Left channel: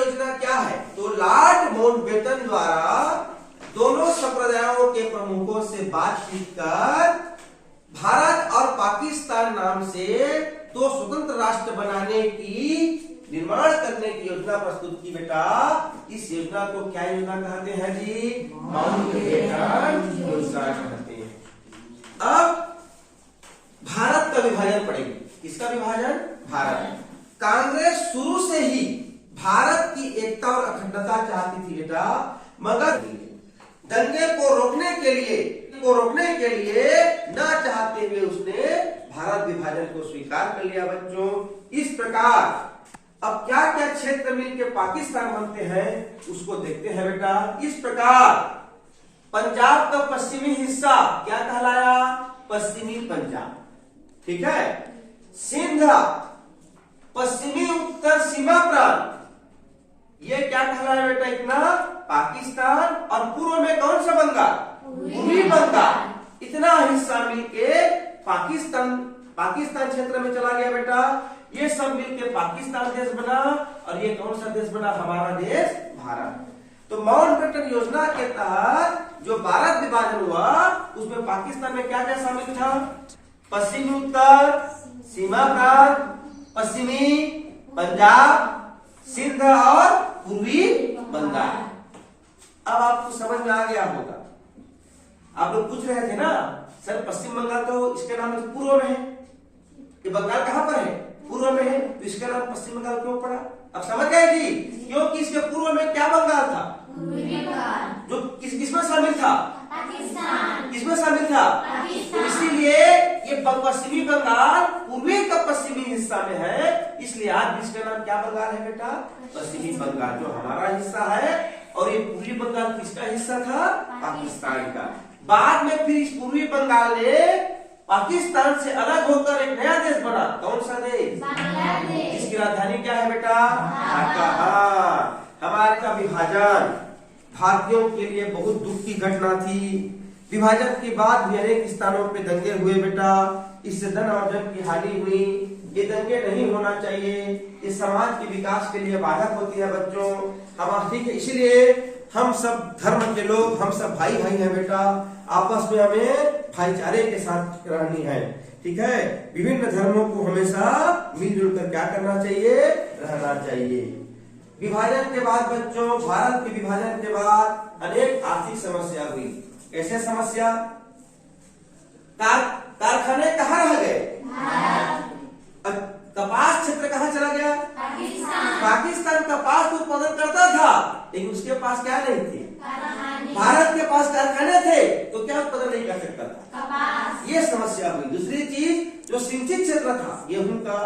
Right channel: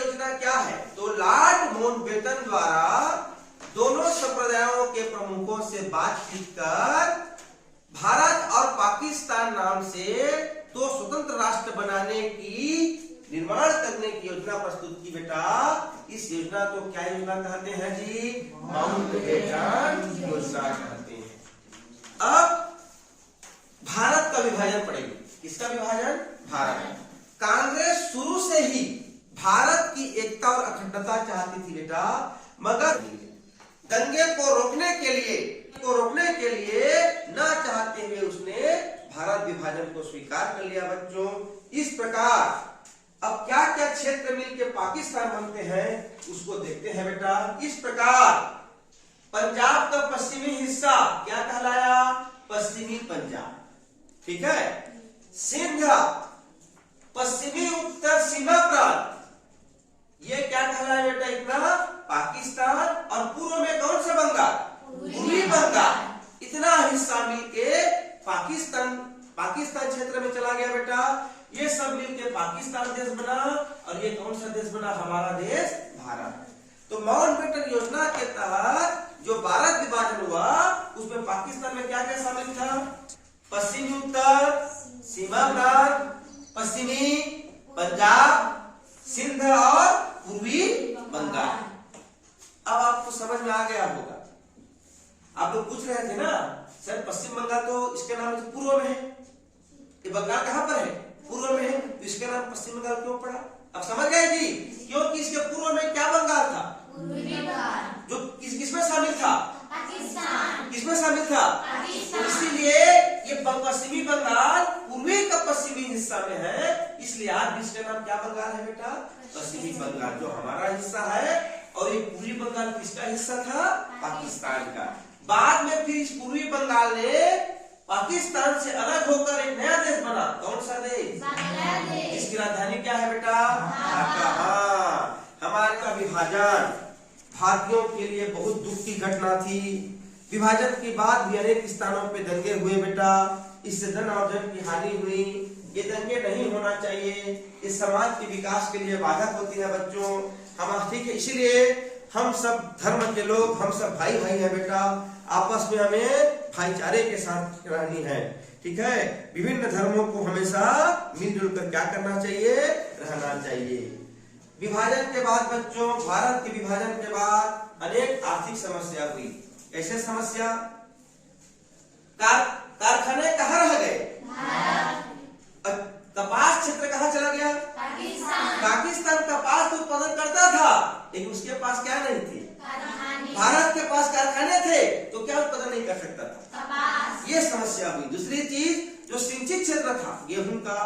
योजना क्या है? तो लॉर्ड माउंटबेटन द्वारा दोनों संप्रदायों के प्रमुखों से बातचीत कर भारत और पाकिस्तान नाम से दो स्वतंत्र राष्ट्र बनाने की निर्माण करने की योजना प्रस्तुत की बेटा। इस योजना को क्या योजना कहते हैं जी? माउंटबेटन योजना कहते हैं। अब भारत का विभाजन पड़ेगा। किसका विभाजन? भारत। कांग्रेस शुरू से ही भारत की एकता और अखंडता चाहती थी बेटा, मगर दंगे को रोकने के लिए ना चाहते हुए उसने भारत विभाजन को स्वीकार कर लिया बच्चों। इस प्रकार अब क्या क्या क्षेत्र मिलकर पाकिस्तान बनते हैं उसको देखते हैं बेटा। इस प्रकार पंजाब का पश्चिमी हिस्सा क्या कहलाया? पश्चिमी पंजाब, ठीक है। सिंध पश्चिमी उत्तर सीमा प्रांत, ये क्या कहलाया बेटा? इतना पाकिस्तान। और पूर्व में कौन सा बंगाल? पूर्वी बंगाल। इतना हिस्सा मिलके पाकिस्तान क्षेत्र में चला गया बेटा। ये सब मिलके पाकिस्तान देश बना। और ये कौन सा देश बना? हमारा देश भारत। तो माउंटबेटन योजना के तहत जो भारत विभाजन हुआ उसमें पाकिस्तान में क्या क्या शामिल था? पश्चिमी उत्तर सीमा प्रांत, पश्चिमी पंजाब, सिंध और पूर्वी बंगाल। अब आपको समझ में आ गया होगा। आप लोग पूछ रहे थे ना सर पश्चिम बंगाल तो इसके नाम से पूर्व में है, ये बंगाल कहां पर है? पूर्व में है, तो इसका नाम पश्चिम बंगाल क्यों पड़ा? अब समझ गए जी? क्योंकि इसके पूर्व में क्या बंगाल था? जो किसमें शामिल था? किसमें शामिल था? तो इसीलिए ये पश्चिमी बंगाल पूर्वी का पश्चिमी हिस्सा में है, इसलिए आज भी इसका नाम क्या बंगाल है बेटा? पश्चिमी बंगाल, जो हमारा हिस्सा है। और ये पूर्वी बंगाल किसका हिस्सा था? पाकिस्तान का। बाद में फिर इस पूर्वी बंगाल ने पाकिस्तान से अलग होकर एक नया देश बना। कौन सा देश? बांग्लादेश। इसकी राजधानी क्या है बेटा? ढाका। हमारे का विभाजन भारतीयों के लिए बहुत दुख की घटना थी। विभाजन के बाद भी अनेक स्थानों पे दंगे हुए बेटा। इससे धन और जन की हानि हुई। ये दंगे नहीं होना चाहिए, ये समाज के विकास के लिए बाधक होती है बच्चों। हम ठीक है, इसीलिए हम सब धर्म के लोग, हम सब भाई भाई हैं बेटा। आपस में हमें भाईचारे के साथ रहनी है, ठीक है। विभिन्न धर्मों को हमेशा मिलजुल कर क्या करना चाहिए? रहना चाहिए। विभाजन के बाद बच्चों, भारत के विभाजन के बाद अनेक आर्थिक समस्या हुई। कैसे समस्या? कारखाने कहाँ रह गए? कपास क्षेत्र कहाँ चला गया? पाकिस्तान कपास उत्पादन करता था, लेकिन उसके पास क्या नहीं थे? भारत के पास कारखाने थे, तो क्या उत्पादन नहीं कर सकता था? ये समस्या हुई। दूसरी चीज, जो सिंचित क्षेत्र था गेहूं का,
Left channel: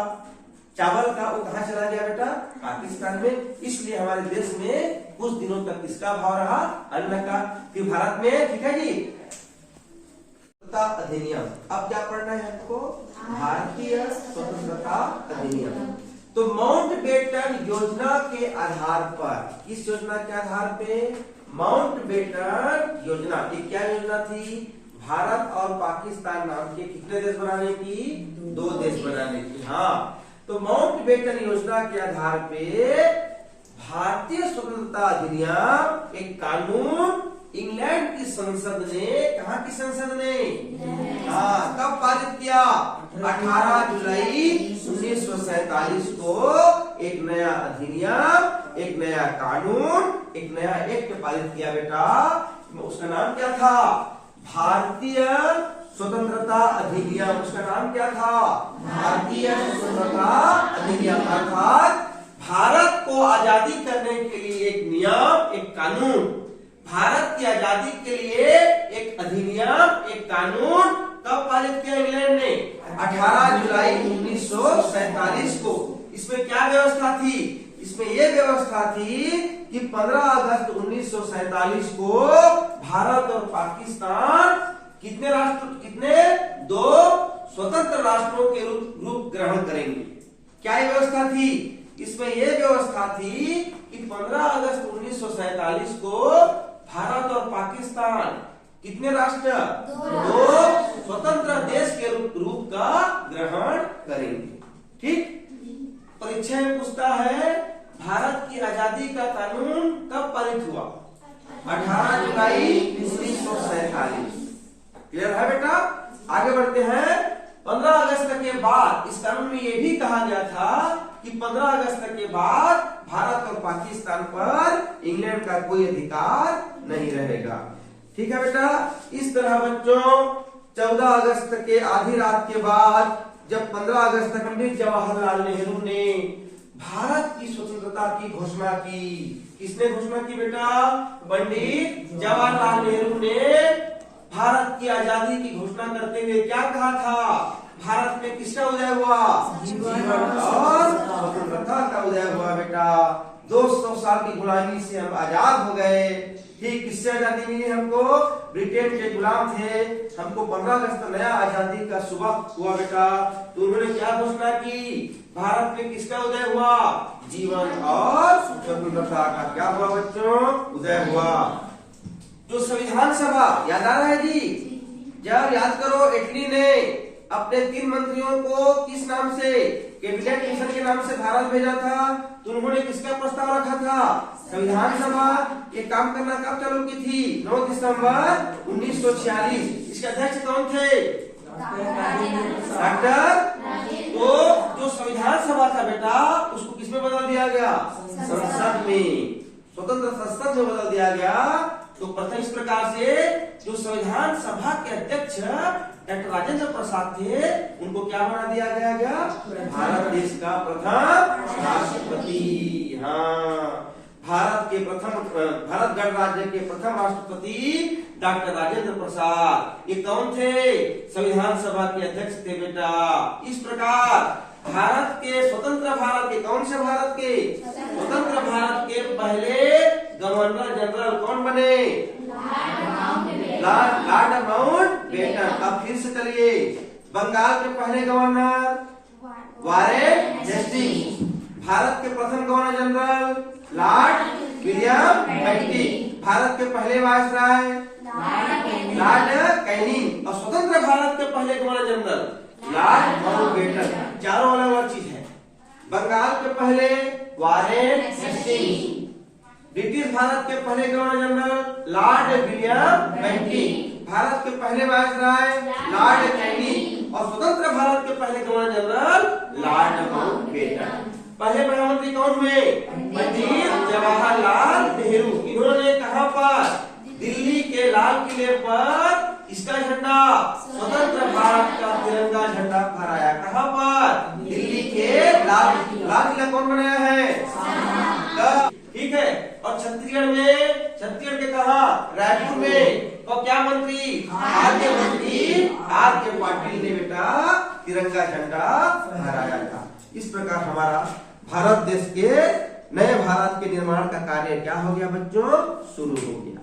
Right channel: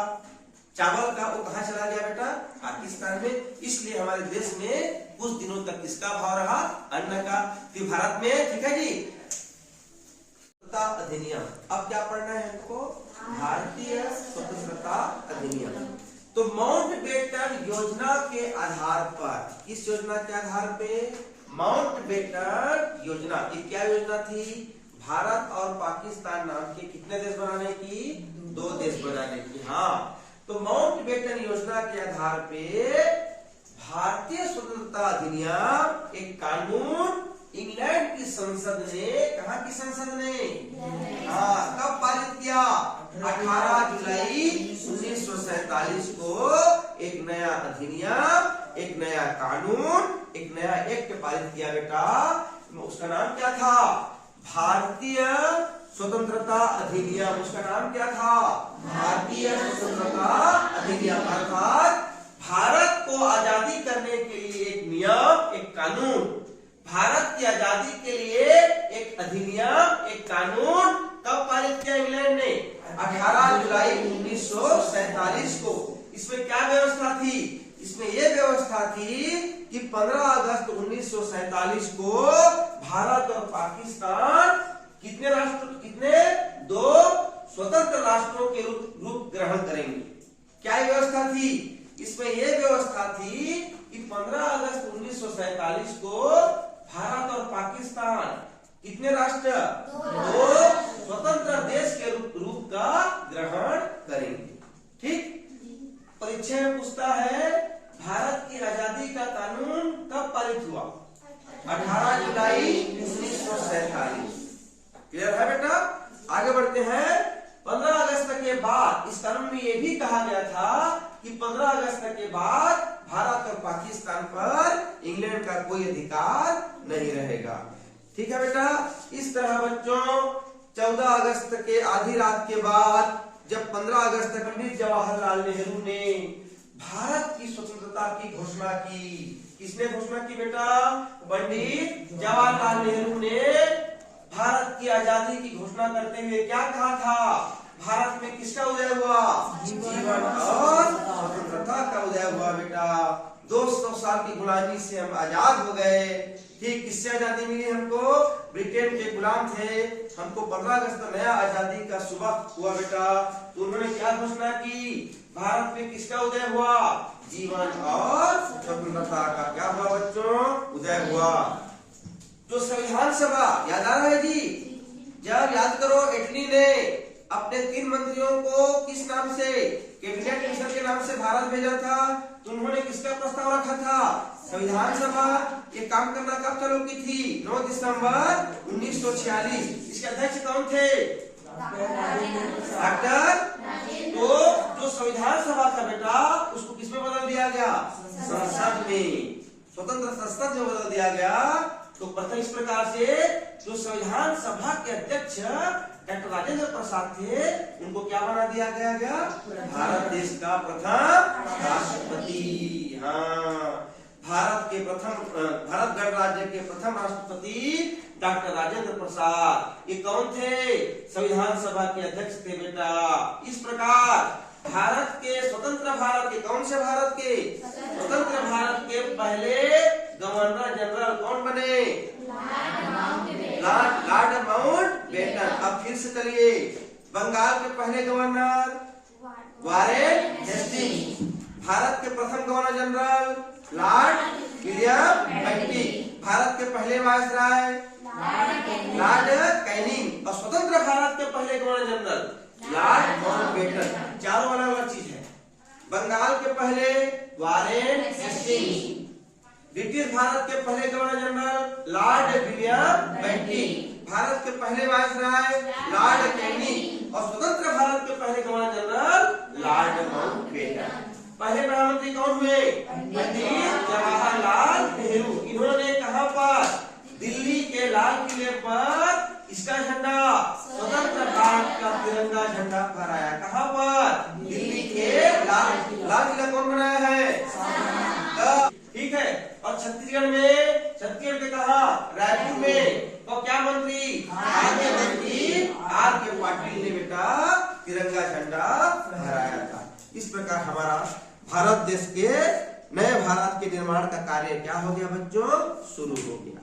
चावल का, वो कहाँ चला गया बेटा? पाकिस्तान में। इसलिए हमारे देश में कुछ दिनों तक किसका भाव रहा? अन्न का। फिर भारत में, ठीक है जी, अधिनियम। अब क्या पढ़ना है हमको? भारतीय स्वतंत्रता अधिनियम। तो माउंटबेटन योजना के आधार पर, इस योजना के आधार पे माउंटबेटन योजना, ये क्या योजना थी? भारत और पाकिस्तान नाम के कितने देश बनाने की? दो देश बनाने की। हाँ, तो माउंटबेटन योजना के आधार पे भारतीय स्वतंत्रता अधिनियम एक कानून इंग्लैंड की संसद ने, कहाँ की संसद ने? हाँ, कब पारित किया? 18 जुलाई 1947 को एक नया अधिनियम, एक नया कानून, एक नया एक्ट पारित किया बेटा। उसका नाम क्या था? भारतीय स्वतंत्रता अधिनियम। उसका नाम क्या था? भारतीय स्वतंत्रता अधिनियम। अर्थात भारत को आजादी करने के लिए एक नियम, एक कानून, भारत की आजादी के लिए एक अधिनियम, एक कानून कब पारित किया इंग्लैंड ने? 18 जुलाई 1947 को। इसमें क्या व्यवस्था थी? इसमें यह व्यवस्था थी कि 15 अगस्त 1947 को भारत और पाकिस्तान कितने दो स्वतंत्र राष्ट्रों के रूप ग्रहण करेंगे। क्या व्यवस्था थी? इसमें यह व्यवस्था थी कि 15 अगस्त 1947 को भारत और पाकिस्तान कितने राष्ट्र? दो स्वतंत्र देश के रूप का ग्रहण करेंगे। ठीक, परीक्षा में पूछता है भारत की आजादी का कानून कब पारित हुआ? 18 जुलाई 1947। क्लियर है बेटा? आगे बढ़ते हैं। 15 अगस्त के बाद इस कानून में यह भी कहा गया था कि 15 अगस्त के बाद भारत और पाकिस्तान पर इंग्लैंड का कोई अधिकार नहीं रहेगा। ठीक है बेटा? इस तरह बच्चों 14 अगस्त के आधी रात के बाद जब 15 अगस्त तक पंडित जवाहरलाल नेहरू ने भारत की स्वतंत्रता की घोषणा की। किसने घोषणा की बेटा? पंडित जवाहरलाल नेहरू ने भारत की आजादी की घोषणा करते हुए क्या कहा था? भारत में किसका उदय हुआ? जीवन और स्वतंत्रता का उदय हुआ बेटा। 200 साल की गुलामी से हम आजाद हो गए। ठीक किससे आजादी मिली हमको? ब्रिटेन के गुलाम थे। हमको 15 अगस्त नया आजादी का सुबह हुआ बेटा। तो उन्होंने क्या घोषणा की? भारत में किसका उदय हुआ? जीवन और स्वतंत्रता का क्या हुआ बच्चों? उदय हुआ। जो संविधान सभा याद आ रहा है जी? जब याद करो इटली ने अपने 3 मंत्रियों को किस नाम से? कैबिनेट मिशन के नाम से भारत भेजा था। तो उन्होंने किसका प्रस्ताव रखा था? संविधान सभा। ये काम करना कब चालू की थी? 9 दिसंबर 1946। इसके अध्यक्ष कौन थे? डॉक्टर। तो जो संविधान सभा था बेटा उसको किसमें बदल दिया गया? संसद में, स्वतंत्र संसद में बदल दिया गया। तो प्रथम इस प्रकार से जो संविधान सभा के अध्यक्ष डॉक्टर राजेंद्र प्रसाद थे उनको क्या बना दिया गया? भारत देश का प्रथम राष्ट्रपति। हाँ, भारत गणराज्य के प्रथम राष्ट्रपति डॉक्टर राजेंद्र प्रसाद। ये कौन थे? संविधान सभा के अध्यक्ष थे बेटा। इस प्रकार भारत के स्वतंत्र भारत के कौन से भारत के? स्वतंत्र भारत के पहले गवर्नर जनरल कौन बने? Lord Mountbatten. अब फिर से चलिए, बंगाल के पहले गवर्नर वारेन हेस्टिंग्स। भारत के प्रथम governor general Lord William Bentinck. Bharat के पहले वायसराय लॉर्ड कैनिंग। और स्वतंत्र भारत के पहले गवर्नर जनरल लॉर्ड माउंटबेटन। चारों अलग अलग चीज है। बंगाल के पहले वारेन हेस्टिंग्स। ब्रिटिश भारत के पहले governor general Lord William Bentinck. Bharat के पहले वायसराय लॉर्ड कैनिंग। और स्वतंत्र भारत के पहले गवर्नर जनरल लॉर्ड माउंटबेटन। पहले प्रधानमंत्री कौन हुए? पंडित जवाहरलाल नेहरू। इन्होंने कहां पर? दिल्ली के लाल किले पर इसका झंडा, स्वतंत्र भारत का तिरंगा झंडा फहराया। कहां पर? दिल्ली के लाल किला कौन बनाया है? ठीक है। और छत्तीसगढ़ के कहा? रायपुर में। और क्या मंत्री? आर के पाटिल ने बेटा तिरंगा झंडा फहराया था। इस प्रकार हमारा भारत देश के नए भारत के निर्माण का कार्य क्या हो गया बच्चों? शुरू हो गया।